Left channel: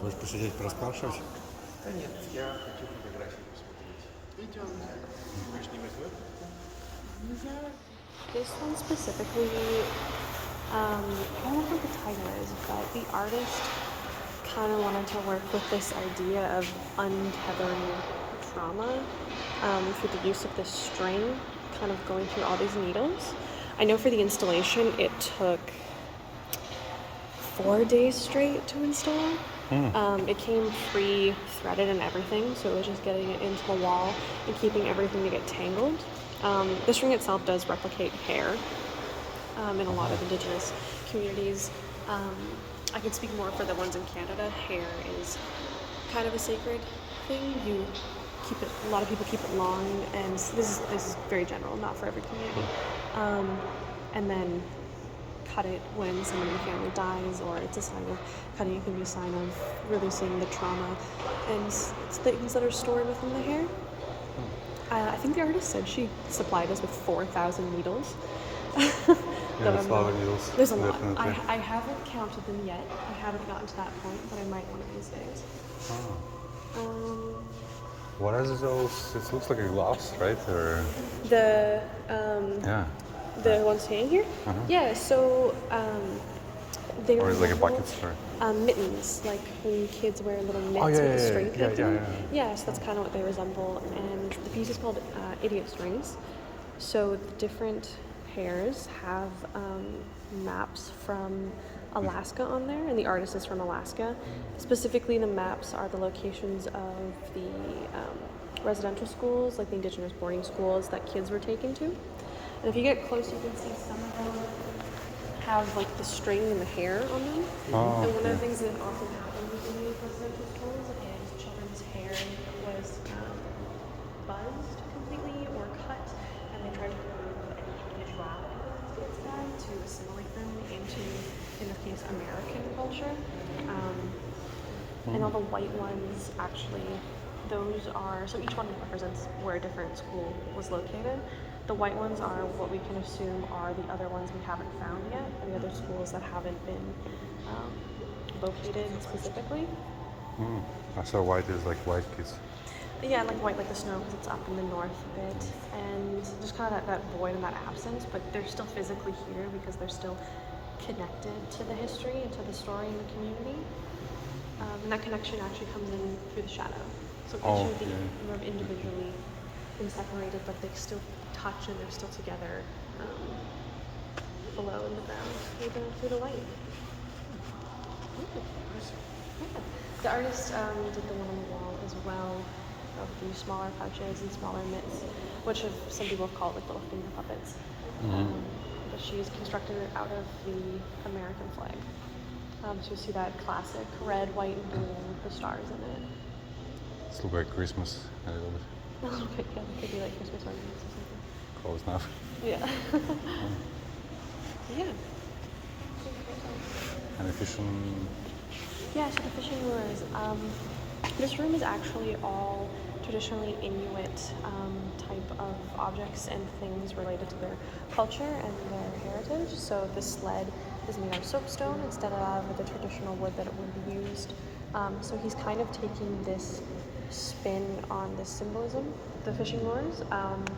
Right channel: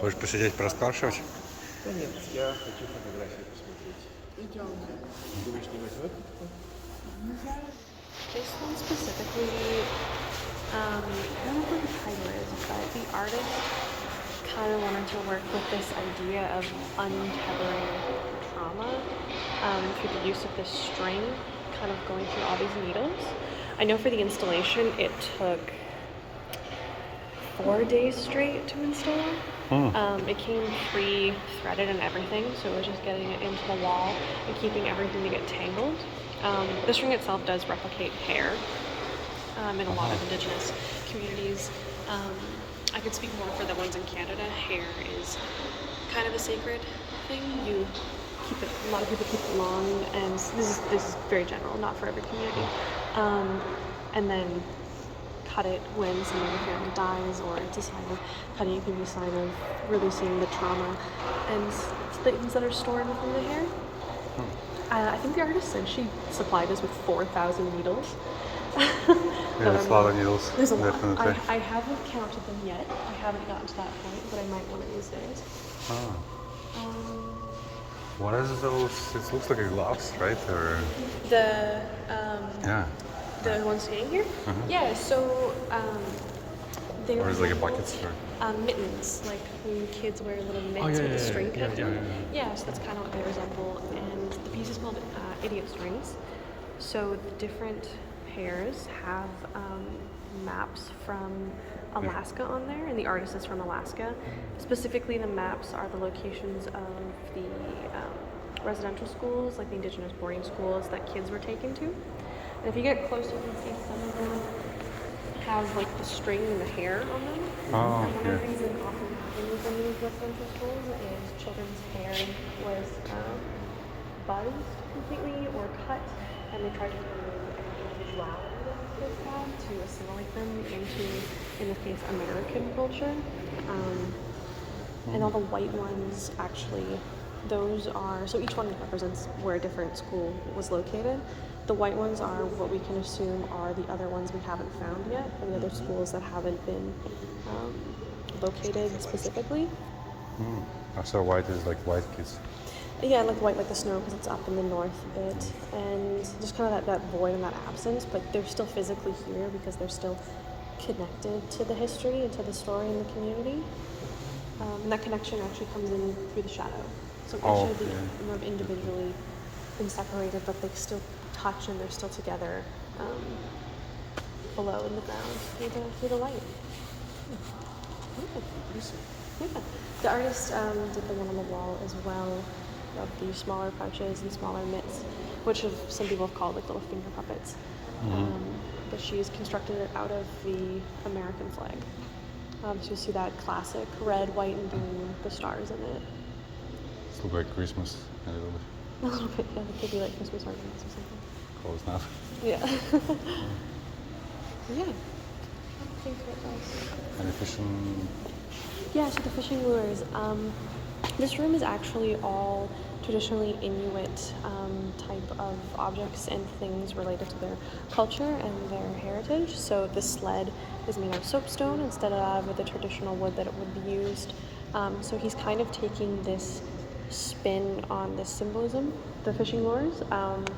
Хочешь посидеть, пораспрашивать? Да нет, я хочу фотографии посмотреть. Идемте. Думаешь, не возьмет? Yeah, this one specifically, I don't know who the title is, but the artist kind of wanted to work with this idea of untethering trauma through the use of this string, kind of going through all these needles. I know for the installation, it took 4 days straight to install. It came pre-threaded and everything, so we're just getting it into the wall and keeping everything to get tangled. The string itself does replicate hair in a lot of indigenous communities. I could speak more for the ones in Canada. Hair is kind of a sacred thing. You keep it. A lot of people keep it long, and this is very general, not for every community. And then cut it when someone in the family dies, or it's a sign of cutting. It can be a sign of releasing the trauma and things that are stored within the hair. I think the artist said she supplied us with 4,000 needles. Yeah, there's a lot of needles, There's a lot. definitely. I haven't counted them yet. I haven't gotten to that point, but I might one of these days. What is those? It looks like a gloves, right? Or The yeah, the ones hanging here. Yeah. So they or is it like a buckets or? mittens, like when kids wear little mitts Oh, yeah, with a yeah, string. yeah, cut yeah, through. yeah. Yeah, so that's kind of what they resemble. And the piece is called idiot strings. So the different hairs have maps from Alaska on there, and the artist is from Alaska. Specifically, the maps are the locations of the residential schools, like the indigenous boarding schools that kids were taken to. And if you get closer, you can see some of them have like the string and the hair on them. Oh, And one yeah. of the things that often happened with these residential schools is children's hair was buzzed completely or cut, and they tried to remove any individuality that these kids had to assimilate them into, in this case, American culture. And all the white ones actually, those are, so each one represents where a different school was located. The white ones are what we can assume are the other ones we haven't found yet, or the other schools that haven't been located specifically. So white is like white kids. Yeah, like white like the snow because it's up in the north a bit, and just kind of that void and that absence, but they're still physically here because they're still connected to the history and to the story in the community. And that connection actually comes in through the shadow. So Oh, each of the yeah. more individually been separated, but they still touch and they're still together below in the ground through the light. Yeah. The artist did the one on the wall as well, of the smaller punches and smaller mitts, which some people have called like little finger puppets. But she's constructed it out of the American flag. So you see that classic red, white, and blue, with the stars in it. It looks like Christmas a little bit. A little bit, yeah, it could be like Christmas ornaments or something. Close enough. Yeah. Yeah. And the fishing. Yeah, so the fishing lures. This room is actually all traditionally Inuit type of objects and things related to their culture and their heritage. So the sled is made of soapstone instead of with the traditional wood that it would be used. So he's kind of taking this spin on this symbolism. The fishing lures,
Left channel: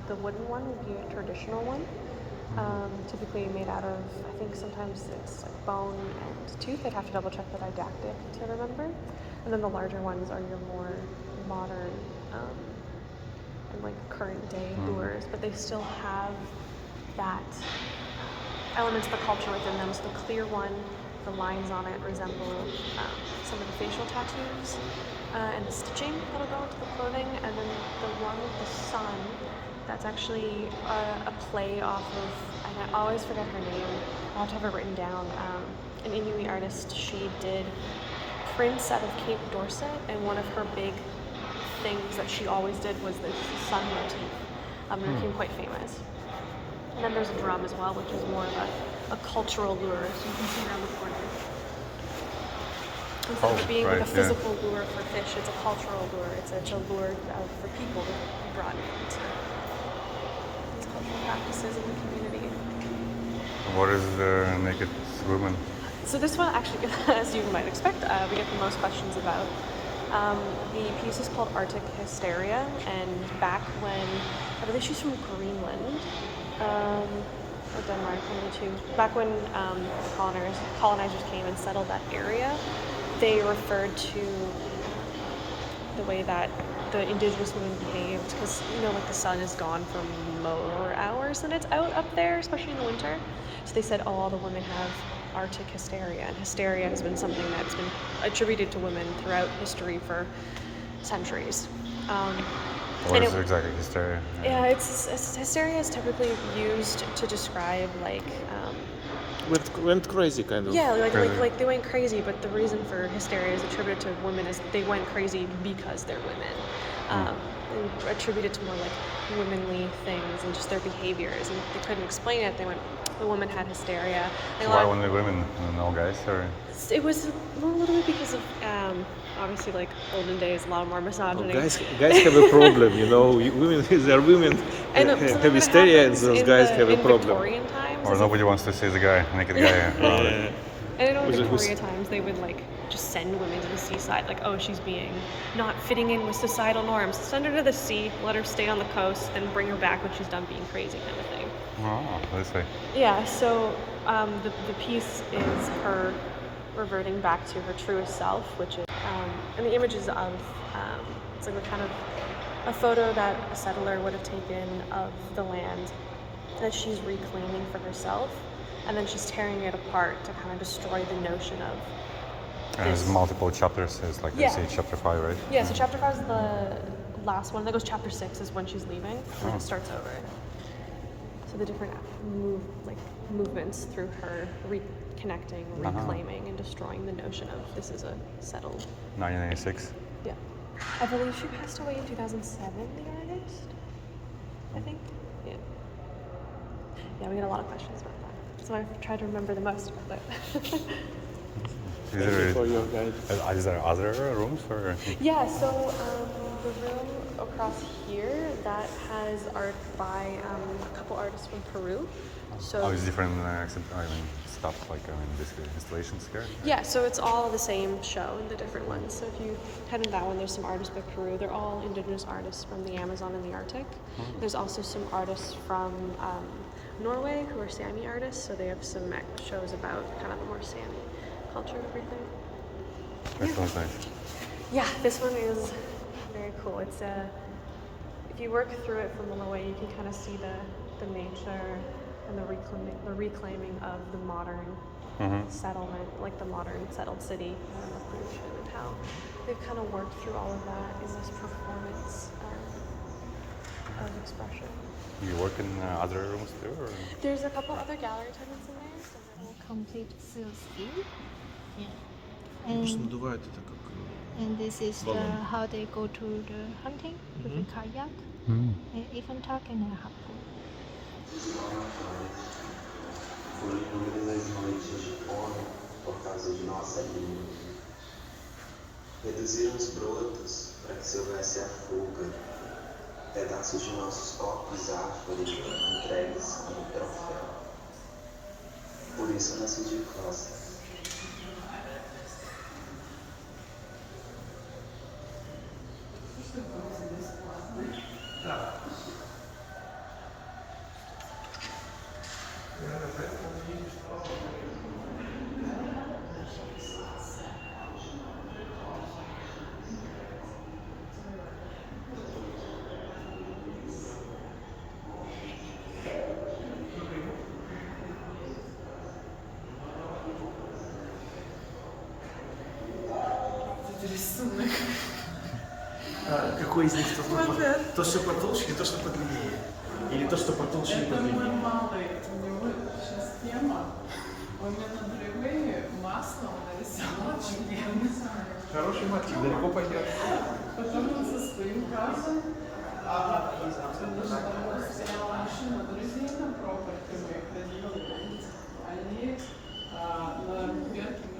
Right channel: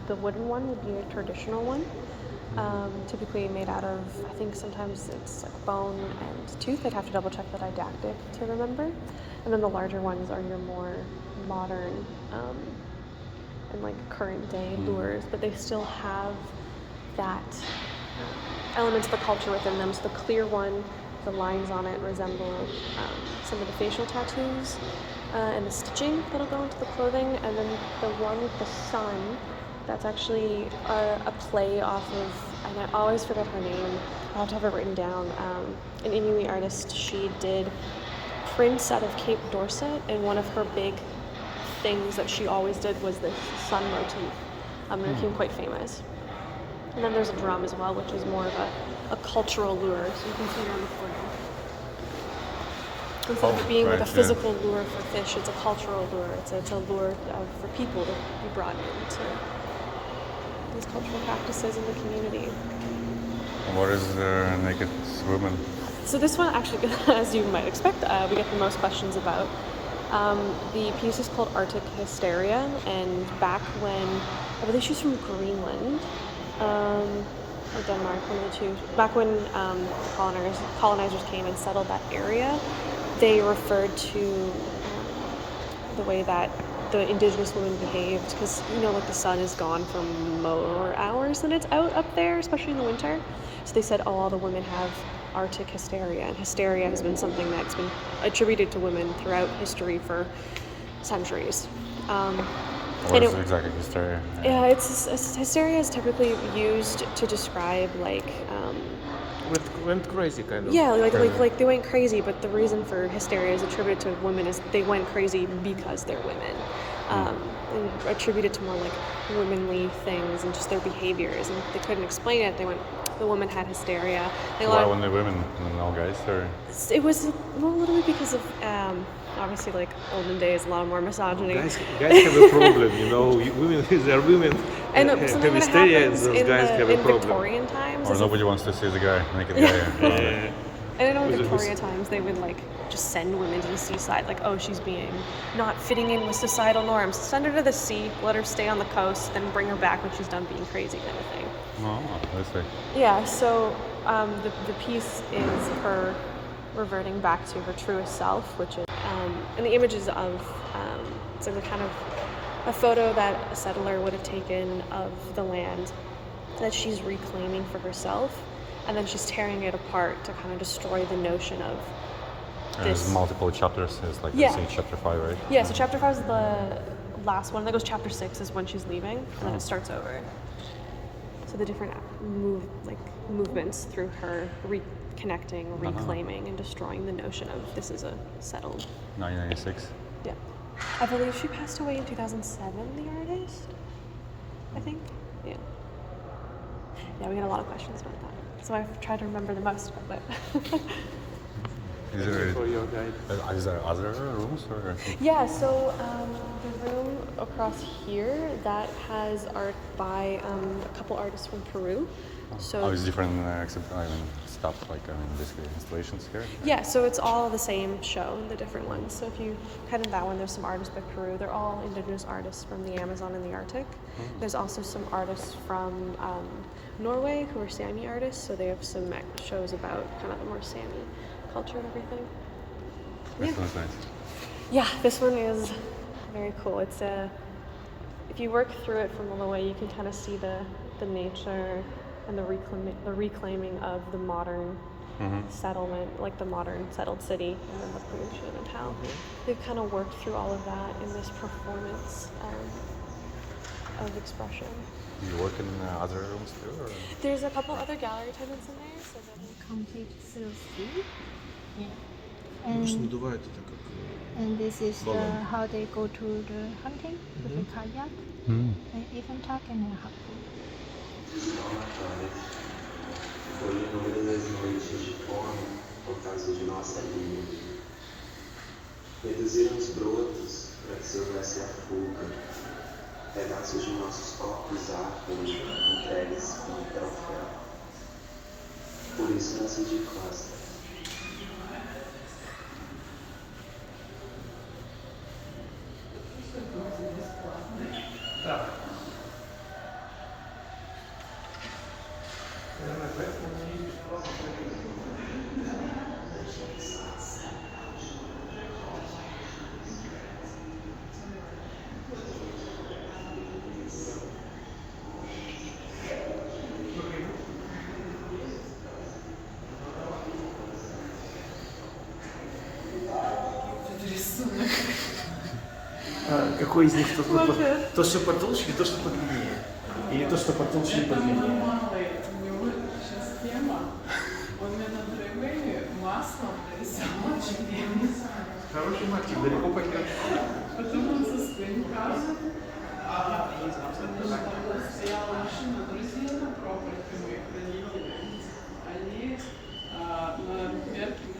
the wooden one would be a traditional one. Typically made out of, I think sometimes it's bone and tooth. I'd have to double check the didactic to remember. And then the larger ones are your more modern and like current day lures, but they still have that elements of the culture within them. So the clear one, the lines on it resemble some of the facial tattoos and the stitching that'll go into the clothing. And then the one with the sun, that's actually a play off of, and I always forget her name, I have to have it written down, an Inuit artist. She did prince out of Cape Dorset, and one of her big things that she always did was this sun motif. It became quite famous. And then there's a drum as well, which is more of a cultural lure, so you can see her in the corner. Instead of being like a physical lure for fish, it's a cultural lure. It's a lure for people to be brought into these cultural practices in the community. What is the naked woman? So this one actually, as you might expect, we get the most questions about. The piece is called Arctic Hysteria, and back when, I believe she's from Greenland, or Denmark, one of the two. Back when colonizers came and settled that area, they referred to the way that the indigenous women behaved, because like the sun is gone for more hours than it's out up there, especially in the winter. So they said, all the women have Arctic hysteria, and hysteria has been something that's been attributed to women throughout history for centuries. What is exactly hysteria? Yeah, hysteria is typically used to describe Went crazy kind of. yeah, like they went crazy, but the reason for hysteria is attributed to women is they went crazy because they're women. And attributed to more like womanly things and just their behaviors, and they couldn't explain it. The woman had hysteria. Why only women and no guys? Or? It was a little bit because of obviously like olden days, a lot more misogyny. Guys have a problem, women, they're women And have hysteria, and those guys have a in problem. Victorian times, Or nobody wants to see the naked guy around it. and in Victorian times, they would just send women to the seaside, oh, she's being not fitting in with societal norms. Send her to the sea, let her stay on the coast, then bring her back when she's done being crazy, kind of thing. Oh, let's see. Yeah, so the piece is her reverting back to her truest self, which is, and the images of, it's like a kind of a photo that a settler would have taken of the land that she's reclaiming for herself, and then she's tearing it apart to kind of destroy the notion of And there's multiple chapters. It's like I see chapter 5, right? Yeah, so chapter 5 is the last one. That goes chapter 6 is when she's leaving, and then it starts over. So the different movements through her reconnecting, reclaiming, and destroying the notion of this is a settled. 1996. Yeah. I believe she passed away in 2007, the artist. I think. Yeah. Yeah, we had a lot of questions about that. So I've tried to remember the most of it. Is there other rooms or? Yeah, so the room across here that has art by a couple artists from Peru. So it's different stuff basically installations here. yeah, so it's all the same show, the different ones. So if you head in that one, there's some artists by Peru. They're all indigenous artists from the Amazon and the Arctic. There's also some artists from Norway who are Sami artists, so they have some shows about kind of the more Sami culture and everything. This one's nice. Yeah, this one is very cool. It's if you work through it from a little way, you can kind of see the nature and the reclaiming of the modern settlement, like the modern settled city, and the pollution, and how they've kind of worked through all of that in this performance of expression. You work in other rooms too, or? There's a couple other gallery tenants in there, so complete scheme. Yeah. And this is how they go to the hunting with a kayak, and even talking and harpoon. Foi inúmeras noites de fome por causa de nossa língua. Reduziram os brotos para que se houvesse a fuga. Pedaços de nossos corpos afros entregues como troféu. Por isso nasci de costas. Какой из них то, что потолще, то, что подлиннее. Или то, что потолще и подлиннее. Сейчас тема. Он меня на древе маслом нарисовал очень древний самолет. Хороший мотив, далеко пойдет. Потом он со своим газом, стояла машина, друзья на пропорте моих родителей. Они на яркий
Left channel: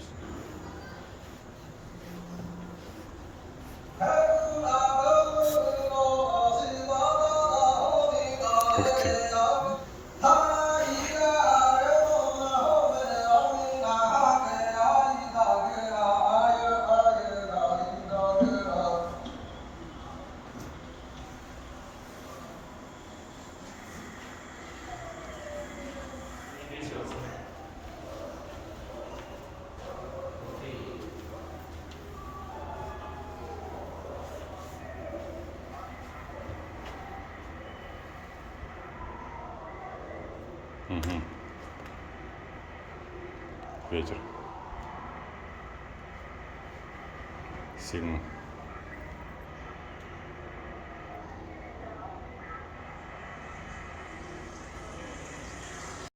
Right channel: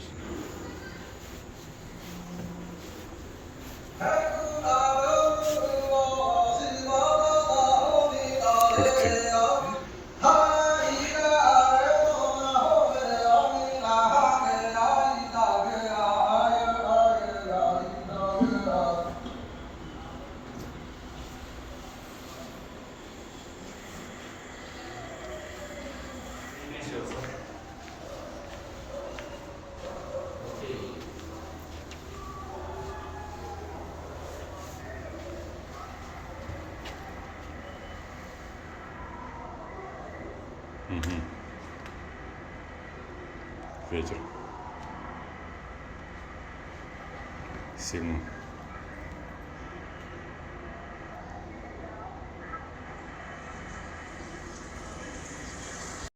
Ветер. Сильно.